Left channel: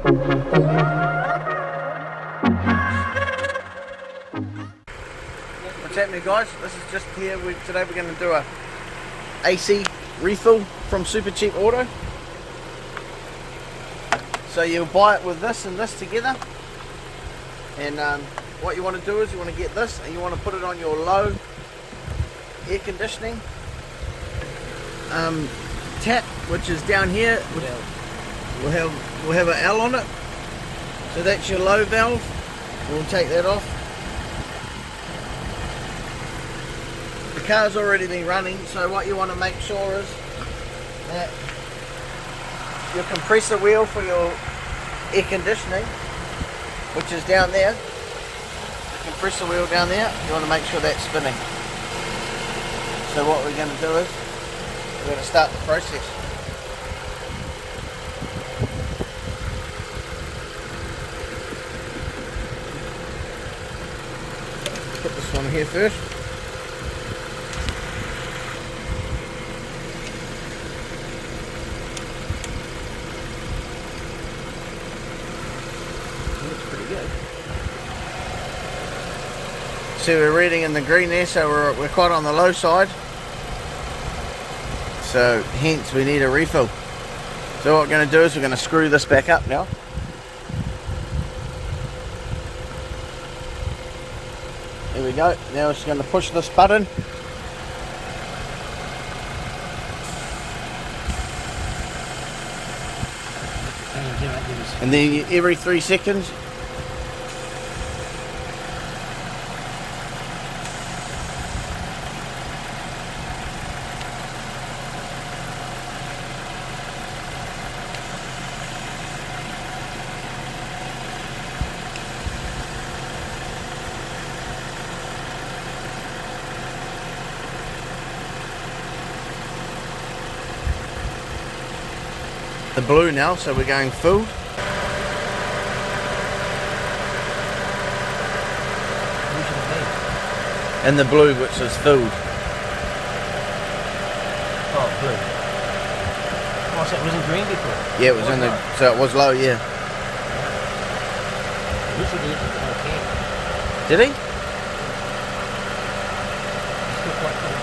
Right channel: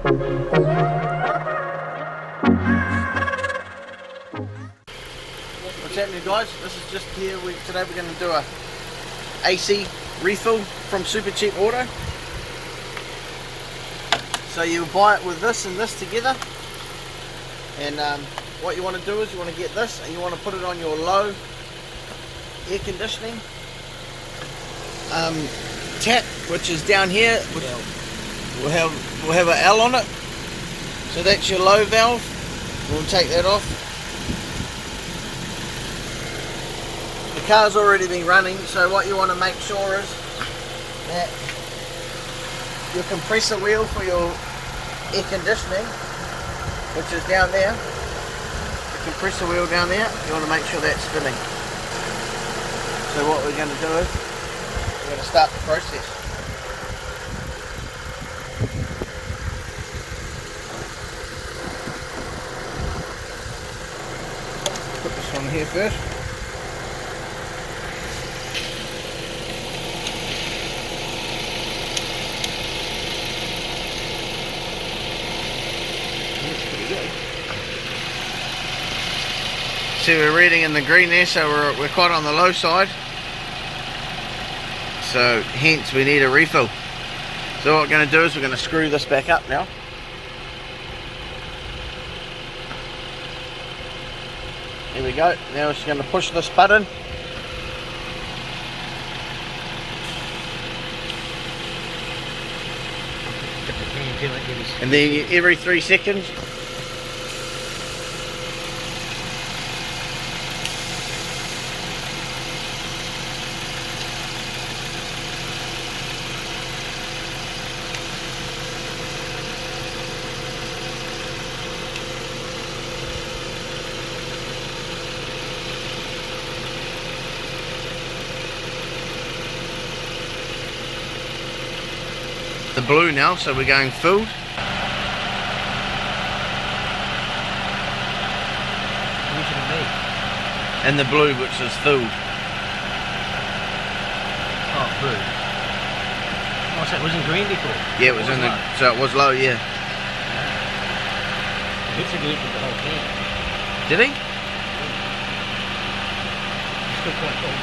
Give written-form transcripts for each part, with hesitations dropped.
What's happening, guys? This is just here. Today we're going to do a AC refill from Super Cheap Auto. So you'll buy it with this and this together, and what you want to do is you want to get this and you want to put it on your low air conditioning tap, which is down here. We'll have an L on it, so that's your low valve. We'll take that off. The car's already been running, so what you want to make sure is that your compressor wheel for your air conditioning, which is down there, compressor wheel down there, you want to make sure that's spinning. So what we're going to do is we're going to start the process. Put this one here first. Looks pretty good. See, we're reading in the green there, so we're quite on the low side. So hence we need a refill. So what we're going to do is we're going to screw this back up now. Here we go. Now we're just going to push this button. And then every 3 seconds the blue now, so we're going filled. And the blue, which is filled. Oh, blue. Oh, so it was in green before? Yeah, it was in the, so it was low, yeah. Looks like he looked at the whole thing. Did he? Still quite cool.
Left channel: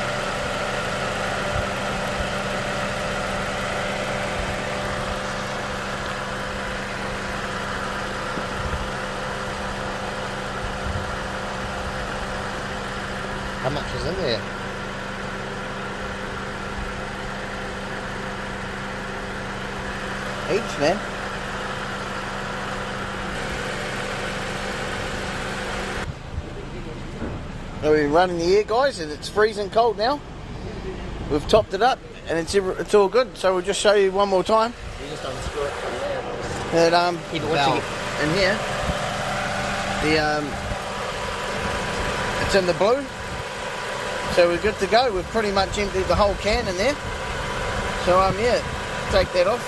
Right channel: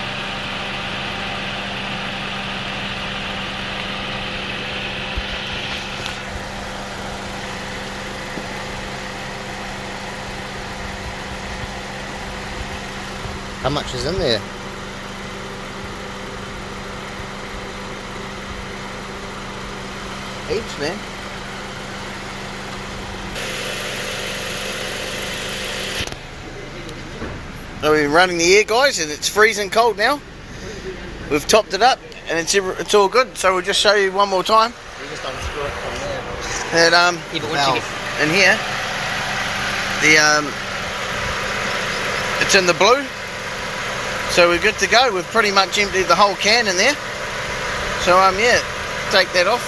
How much is in there? Each, man. So we're running the air, guys, and it's freezing cold now. We've topped it up and it's all good, so we'll just show you one more time. We just unscrew it from there. And Once you get in here, it's in the blue. So we're good to go. We've pretty much emptied the whole can in there. So yeah, take that off.